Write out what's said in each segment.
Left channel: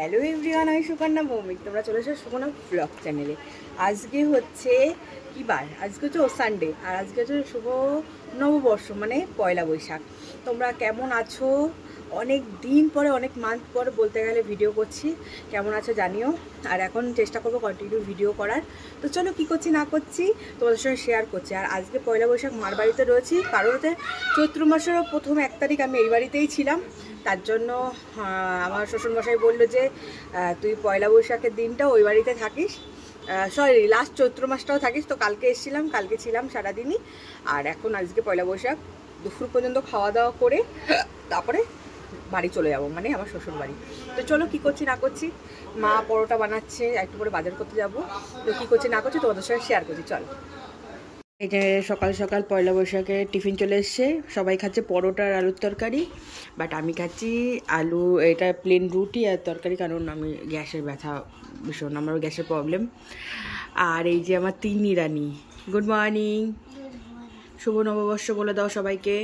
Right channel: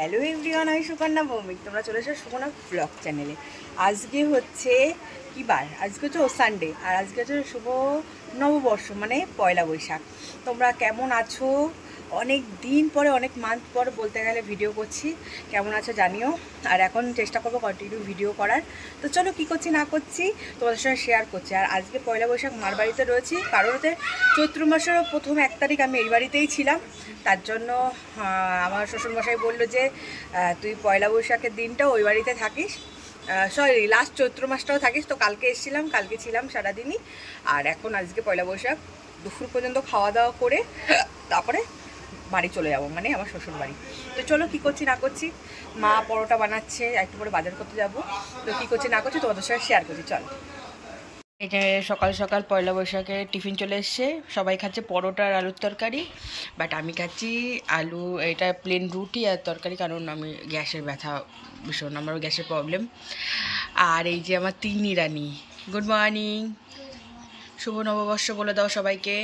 Hello everyone, আমি সুকন্যা ভৌমিক। তোমরা চলে এসো সুকন্যা ব্লগ চ্যানেলে। আজকে হচ্ছে কী বার? আজকে হচ্ছে সানডে, আর আজকে হচ্ছে শুভ নববর্ষ, মানে পয়লা বৈশাখ। তোমরা কেমন আছো? অনেক দিন পরে, অনেক মান্থ পর বলতে গেলে ভিডিও করছি। কেমন আছো জানিও, আর এখন চেষ্টা করবো কন্টিনিউ ভিডিও করার। তো চলো কী করছি না করছি তোমাদের সঙ্গে শেয়ার করছি। আর আজকে পয়লা বৈশাখ মার বাড়িতে রয়েছি, কারণ হচ্ছে চৈত্র মাসের প্রথম 1 তারিখ আমি এই বাড়িতেই ছিলাম। তার জন্য আমার শ্বশুরমশাই বললো যে তুই পয়লা বৈশাখের দিনটা ওই বাড়িতে থাকিস, সরি লাস্ট চৈত্র মাসটাও থাকিস। তো কালকে এসেছিলাম, কালকে ছিলাম সারাদিনই। আর এখন আজকে পয়লা বৈশাখ দুপুর পর্যন্ত খাওয়া দাওয়া করে তারপরে বাড়ি চলে যাবো, মানে আমার শ্বশুর বাড়ি। তো চলো কী করছি না করছি। মা পরোটা বানাচ্ছে, একটু পরে বাজার করতে যাব। তো কী করছি না করছি তোমাদের সঙ্গে শেয়ার করছি, চল। এই যে সকাল সকাল পয়লা বৈশাখে টিফিন চলে এসছে। সবাই খাচ্ছে পরোটা আর আলুর তরকারি, বাট আমি খাচ্ছি আলু, এটা প্লেন রুটি আর তরকারি, কারণ আমি গ্যাসের ব্যথা ভীষণ, আমারও গ্যাসের প্রবলেম। আর এই যে আমার তিন্নি রানী, গুড মর্নিং, শুভ নববর্ষ বলে দাও সবাইকে।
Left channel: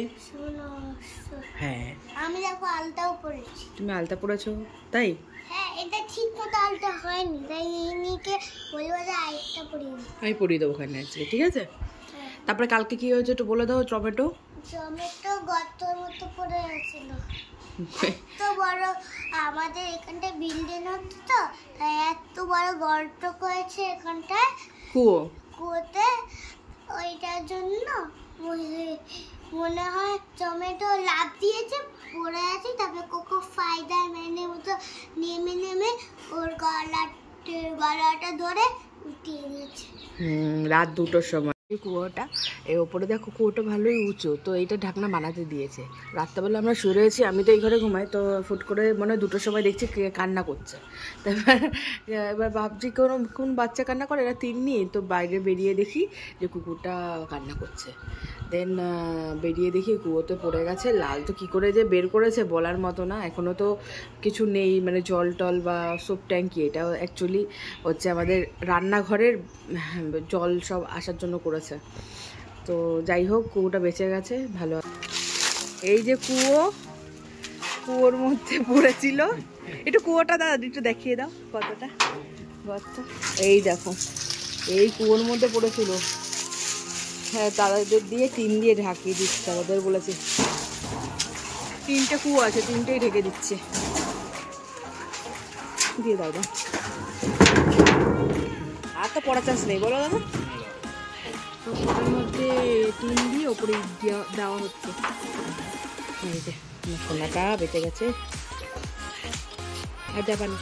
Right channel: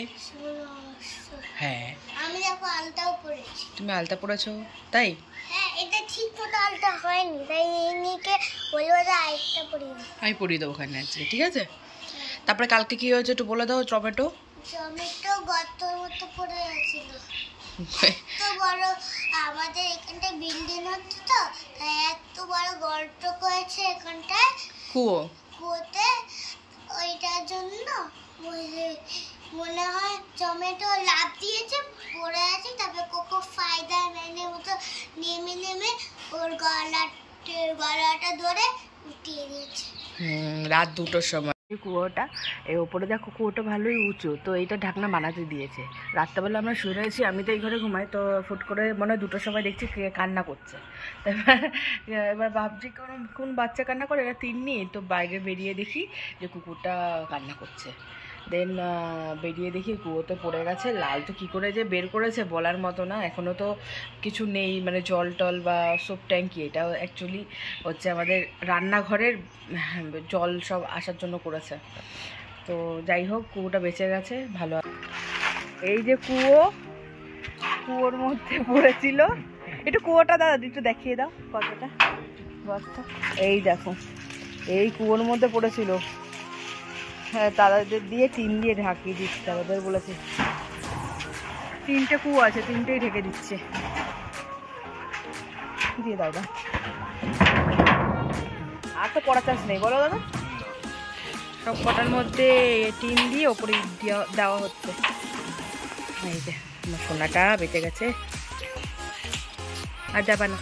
হ্যাঁ, আমি দেখো আলতাও পরেছি। তুমি আলতা পরেছো? তাই? হ্যাঁ, এটা ঠিক মতো আলতা হয়নি, তাই এনিকে বলবো যে আরেকটা পরিয়ে দিই। আমি পরিয়ে দেবো ওখানে আজকে, ঠিক আছে? তারপরে কালকে কি হয়েছে একটু বলে দাও। টমেটো গর্ত মতো পড়ে গেছিল, এত বড় আমাদের এখানটায় বিল্ডিং হচ্ছে, তো তাই এত বড় গর্ত করেছে এখানটায় কুয়োতে। ওইটার জন্য মনে হয় টমেটো লাফ দিয়েছে, পড়ে আছে। তারপরে কোকো ফায়দার ম্যানের মতো নেমে ওর গলাটা ধরে উঠিয়ে দিয়েছে। রাত 2টোর সময় কুয়োটা, এই ওপরে দেখো কুয়োটা ভালোই উঁচু, তো এইটা ঢাকনা বানাতে দিয়েছে। রাত্রেবেলা আমরা শুয়ে রয়েছি, আমি তো এই ঘরে ঘুমাই, তো ফুট করে মনে হয় 2টোর সময় দেখছি কে কান্না করছে। তো এবার ভাবছি কোন বাচ্চা কান্না করে, এরা তিন্নি। তো বাইরে বেরিয়ে দেখি যে কুকুরটা কান্না করছে। দেন বেরিয়ে দেখি কুয়োতে পড়ে গেছে। লাল তো কী করে যে বের করেছে বলার মতো না। এখনও তো কিছু নেই, মানে জল টল বা সোপ ট্যাঙ্কি। এটাও অ্যাকচুয়ালি হচ্ছে আমাদের রান্নাঘরের জল সব আসার জন্য করেছে। তো যাই হোক, কুয়োটা বেঁচে গেছে, ভালো। এই যে কুয়োর মধ্যে পড়েছিল। একটু কুয়োটা দাদা একটু দেখিয়ে দাও কতটা গর্ত। এই দেখো, এই কুয়োর মধ্যে পড়েছিল। হ্যাঁ, তাদের দিয়ে টিন দিয়ে ঢাকিয়ে দিচ্ছে। ওদের বলেছে 3টে কুয়ো আছে, 3টেই ঢেকে দিচ্ছে। দিয়ে দাও, আর তো পড়া চান্স নেই, বলো দাদা। সব কটার মধ্যে টিন দিয়ে ওপরে দেওয়া হচ্ছে। এই যে আমার সোনাটা বেঁচে গেছে, আর যাবা না।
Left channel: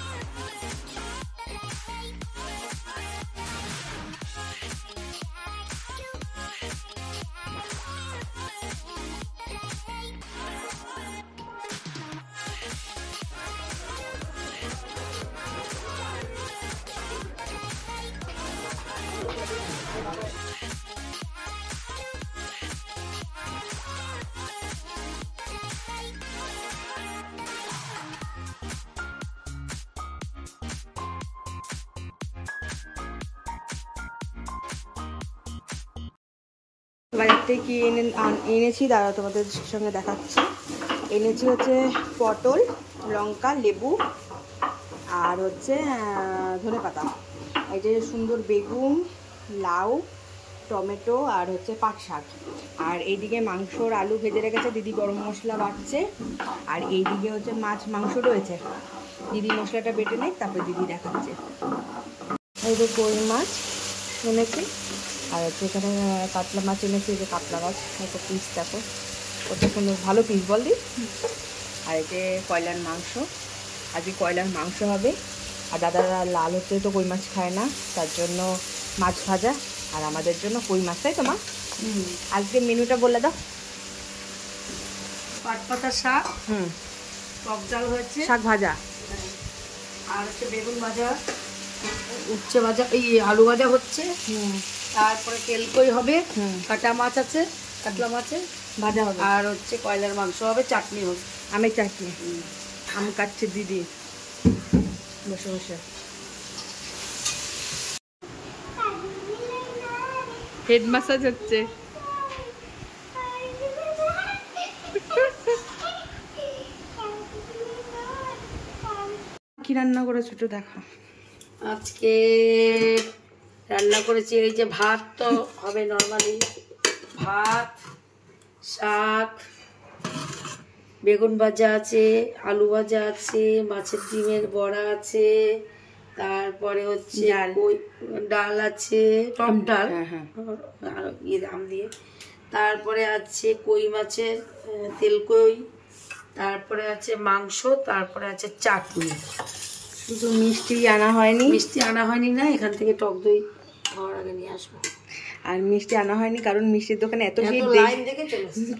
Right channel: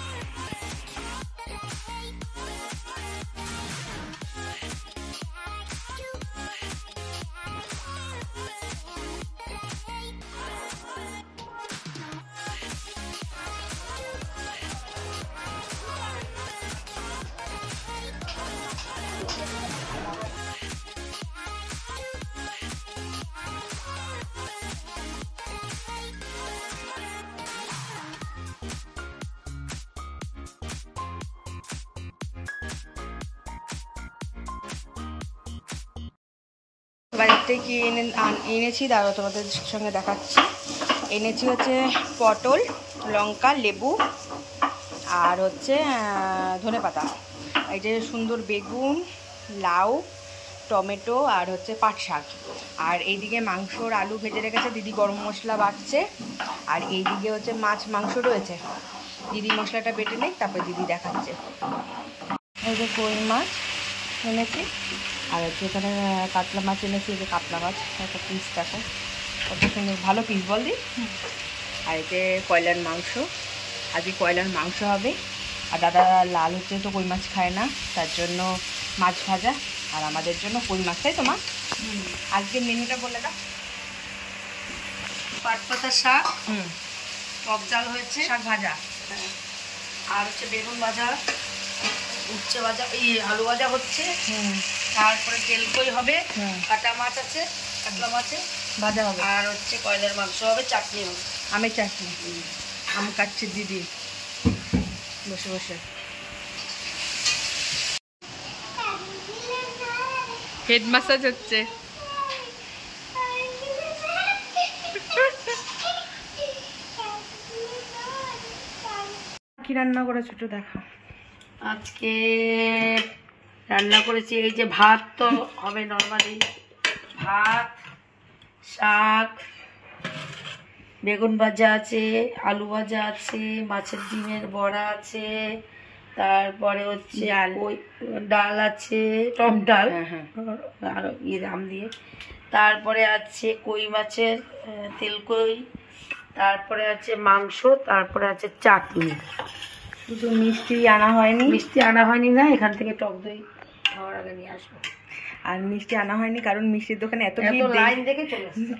বাজার থেকে কি এনেছি দাদা তোমাদের সঙ্গে দেখাচ্ছি। এনেছি হচ্ছে পটল, লঙ্কা, লেবু, আর হচ্ছে ধনেপাতা। এই যে সুন্দর বেগুন, লাউ, টমেটো, আর হচ্ছে পাট শাক। আর এইদিকে মাংসর আলু ভেজে রেখেছে দিদি, গরম মশলা বাটছে। আর এইদিকে হচ্ছে মাংস রয়েছে, দিদি মশলাটা বেটে নেই, তারপরে দিদি দেখাচ্ছে। এই যে কই মাছ এনেছি, আর হচ্ছে এখানে কাতলা মাছ এনেছি। এই যে কাতলা মাছ, দেখো পিস, দেখো কত সুন্দর, ভালো পিস বল দি। আর এই যে কয়লার মাংস, আজকে কয়লার মাংস হবে। আর দাদা লাল হচ্ছে তো কই মাছ খায় না, তার জন্য মাছ ভাজা। আর আমাদের জন্য কই মাছ, তাই তো মা? আজকে মেনুটা বলে দাও। পাট পাতা শাক, টক ডাল হয়েছে, শাক ভাজা, আর হচ্ছে বেগুন ভাজা, উচ্ছে ভাজা, এই আলু ভাজা হচ্ছে। তারপরে তেলকই হবে, কাটা মাছ আছে, কাতলা মাছে ভাজা হবে, আর হচ্ছে কয়লার মাংস হবে, চাটনি হবে, আমের চাটনি। আম কাটছে দিদি বসে বসে। হেড ম্যাসাজ হচ্ছে। কি রান্না করেছো একটু দেখা। আজকে রান্না করেছি এই যে ভাত তো হবে নর্মালি, ভাত, শাক, বেগুন ভাজা আছে, আলু ভাজা আছে, মাছের ডিমের বড়া আছে, তারপরে হচ্ছে ডাল আছে, টক ডাল আর আম দিয়ে, তারপরে আছে কই মাছের তেল কই, তারপরে আছে মাংস, তারপরে আছে চাটনি। শুধু মিষ্টি আনা হয়নি? মিষ্টি আনা হয়নি না, এখান থেকে টক দই খাওয়ার আগে নিয়ে আসবো। আর মিষ্টি আনা হয়নি কারণ মিষ্টির দোকানে এত লাইন দেখে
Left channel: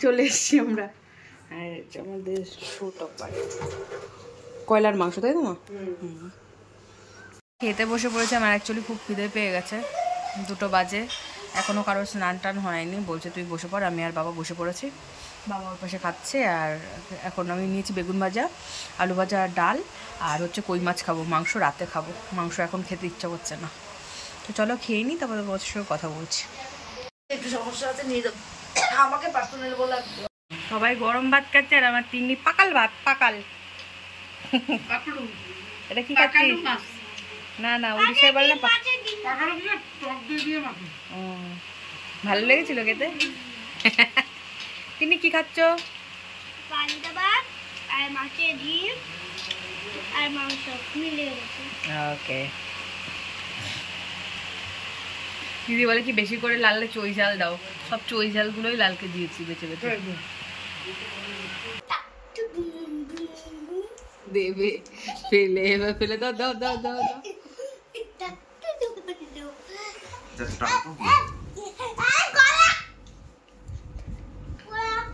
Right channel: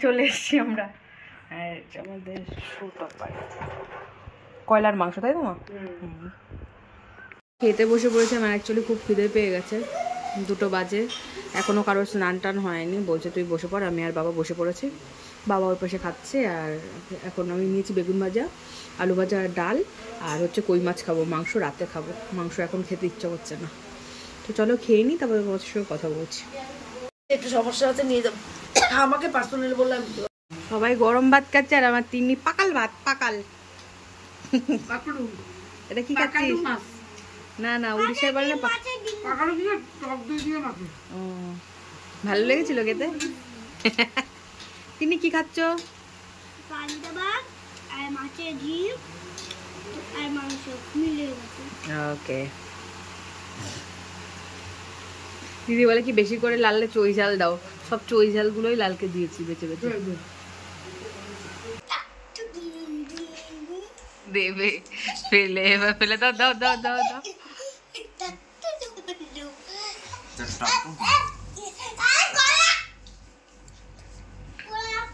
চলে এসছি আমরা। আর আমাদের কয়লার মাংস, তাই তো মা? খেতে বসে পড়েছে। আমার অ্যাকচুয়ালি খুব খিদে পেয়ে গেছে, 2টো বাজে, এখনও কারোর স্নান টান হয়নি। বলছে তুই বসে পড়, আমি আর বাবা বসে পড়েছি। বাবা ওর পাশে খাচ্ছে, আর এখন আমি নিয়েছি বেগুন ভাজা, আলু ভাজা, ডাল, আর হচ্ছে কই মাছ খাবো। মাংস রাতে খাবো, মাংস এখন খেতে ইচ্ছা করছে না। তো চলো খেয়ে নিই, তারপরে তোমার সঙ্গে কথা বলছি। একটু সমস্যা আছে, নিয়ে যাবো, আমাকে পার্সোনালি বললাম। সবাই গরম ভাত খাচ্ছে আর আমার তিন্নি পাকাল ভাত। পাকাল এটা কি খাচ্ছিস? না না, উড়িষ্যায় বলে না ভালো লেগেছিল খেতে। তিনি কি খাচ্ছ? ওকে। দিদি বলে কি বেশি করে লাললে চই ঝাল দাও, সব চই ঝালগুলোই লালকে দিয়েছি বেছে বেছে। দেবে ফেলে, এবার ফেলে দাও, দাও দাও দাও দাও।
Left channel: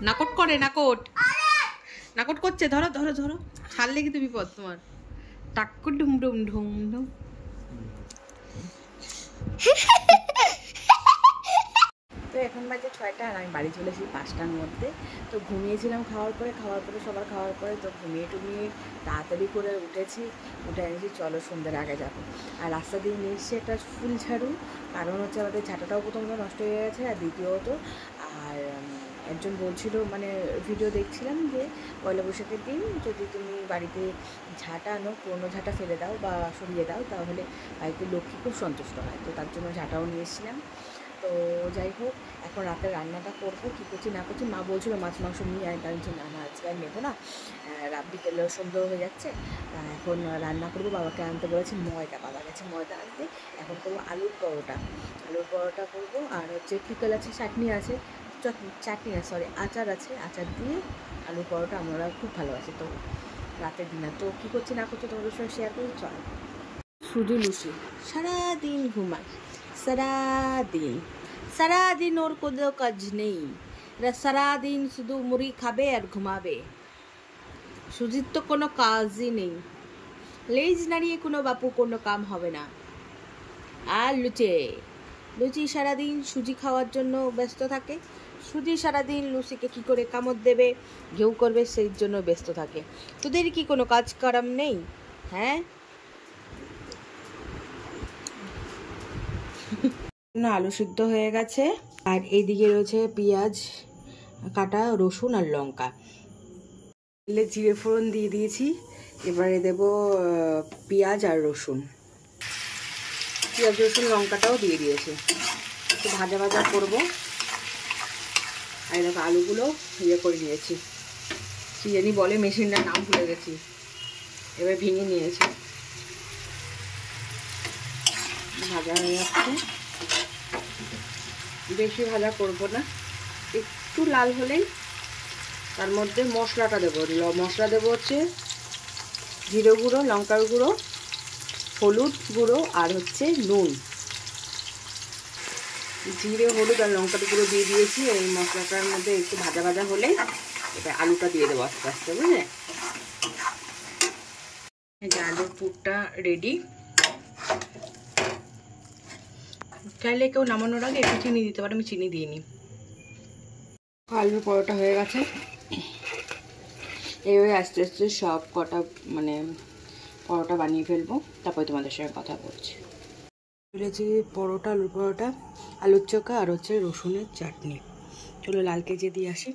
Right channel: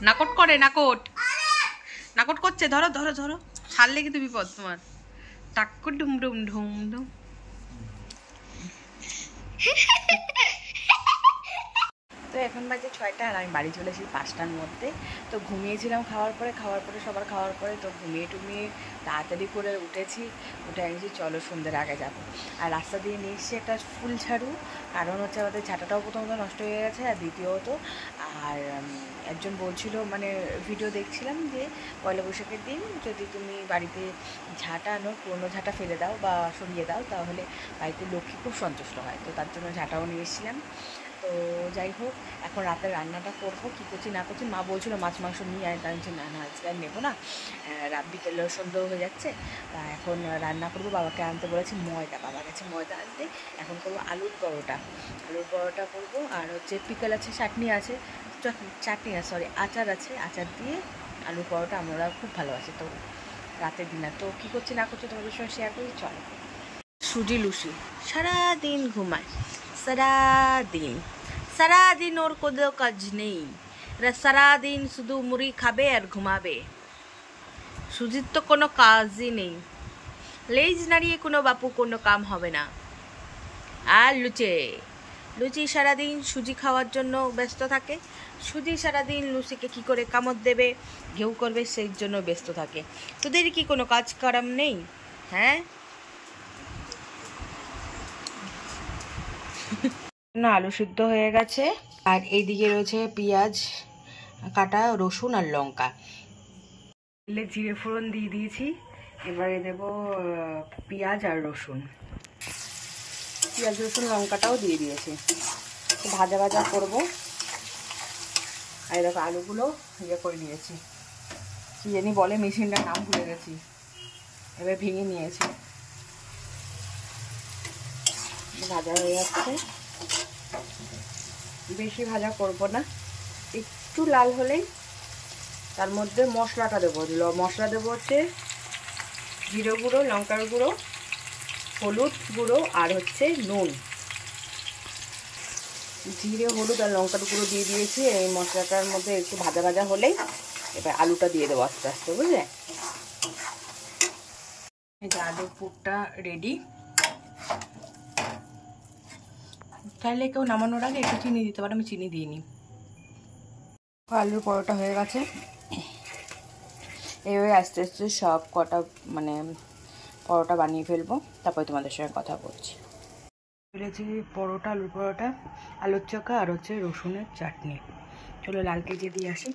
নাকট করে, নাকট নাকট করছে। ধরো ধরো ধরো, ছাড়লে কিন্তু বিপদ তোমার। টাক্কু ডুম ডুম ঢুম ডুম। তো এখন বাজে 6টা আর আমি বাড়ি চলে এসেছি 5টার মধ্যে। তো ঘুমিয়েছিলাম খাওয়ার পরে সবার খাওয়ার পরে, তো ঘুমিয়ে টুমিয়ে তাড়াতাড়ি করে উঠেছি। উঠে এনেছি চলো সন্ধ্যের আগে যাবো। আর রাস্তা দিয়ে নিয়ে এসেছি একটা ফুল ঝাড়ু, কারণ হচ্ছে আমাদের ঝাঁটাটাও প্রথমত নষ্ট হয়ে গেছে, আর দ্বিতীয়ত আর একজন বলছিল, মানে ভিডিও দেখছিলাম যে পয়লা বৈশাখের দিন যদি তুমি বাড়িতে ঝাঁটা আনো, পুরোনো ঝাঁটা ফেলে দাও বা সরিয়ে দাও, তাহলে বাড়িতে লক্ষ্মী খুব সন্তুষ্ট হয়। তো তার জন্য ঝাঁটাও নিয়ে এসেছিলাম। তো যাই হোক, এখন রাতে রান্নাটা করবো, কী করছি না করছি। মা বলছিল মাছ মাংস নিয়ে আয়, তাই বলছি না না আজকে আর নেবো না, রাত বিকেলে সন্ধ্যা হয়ে যাচ্ছে। তা এখন রান্না করবো। বাবাকে আনতে বলেছি ময়দা, বাবা গেছে ময়দা আনতে। এখন করবো আলুর পরোটা করবো, আর হচ্ছে পিকল আছে, চাটনি আছে, চাটনি না সরি আচার আছে, আচার দিয়ে আলুর পরোটা আমরা খুব ভালোবাসি। তো রাতের ডিনার তো কী করছি না করছি তোমাদের সঙ্গে শেয়ার করি। চলো। সুজি লুসি সারাদিন ঘুমায়, সারাদিন ওর কোনো কাজ নেই, সারাদিন শুধু মুড়ি খাবে আর ঘুমাবে। সুজির তো কোনো কাজই নেই, লেজ নাড়িয়ে কোনো বাপু কোনো কাম হবে না। আর লুচি সারাদিন সুজি খাওয়ার জন্য ব্যস্ত থাকে। সুজি সারাদিন লুচিকে কি করে কামড় দেবে, ঘেউ করবে, সেই জন্য ব্যস্ত থাকে। তোদের কি কোনো কাজ কারাম নেই? হ্যাঁ না, আলু সিদ্ধ হয়ে গেছে, আর এইদিকে রয়েছে পেঁয়াজ কাটা, রসুন আর লঙ্কা। জিরে ফোড়ন দিয়ে দিয়েছি, এবারে দেব পেঁয়াজ আর রসুন, পেঁয়াজ রসুন লঙ্কাটাও দিয়ে দিয়েছি। একটু ভাজা ভাজা করবো। আর দেখো আলুগুলো করে নিয়েছি, কি জানি বলে মেশিনটার নাম ভুলে গেছি, এবার ভেঙে নিয়েছি। ভাজা হয়ে যাচ্ছে, বেশি ভাজা করব না, একটু লাল হলেই তার মধ্যে মশলাটা দেবো। মশলা দেবো হচ্ছে জিরে গুঁড়ো, লঙ্কার গুঁড়ো, হলুদ গুঁড়ো আর হচ্ছে নুন। জিরে হলুদ আর লঙ্কার গুঁড়ো দিয়ে দিয়েছি। এই মশলাটার মধ্যে একটু ভাজা ভাজা হলেই এবার আলুটা দিয়ে দেবো আস্তে আস্তে, বুঝলে? এই যে আলুর পুরটা রেডি। চাইলে কেউ নামানোর আগে একটু চিনি দিতে পারে, আমি চিনি দিইনি। আলুর পরোটা হয়ে গেছে, এইভাবে আস্তে আস্তে সব কটা মানে পরোটা বানিয়ে ফেলবো, তারপরে তোমাদের সঙ্গে কথা বলছি। ফেলেছি পরোটা, আলুর পরোটা, আলুর চোখা আর হচ্ছে রসুনের চাটনি। চলো লালকে যে দিয়ে আসি।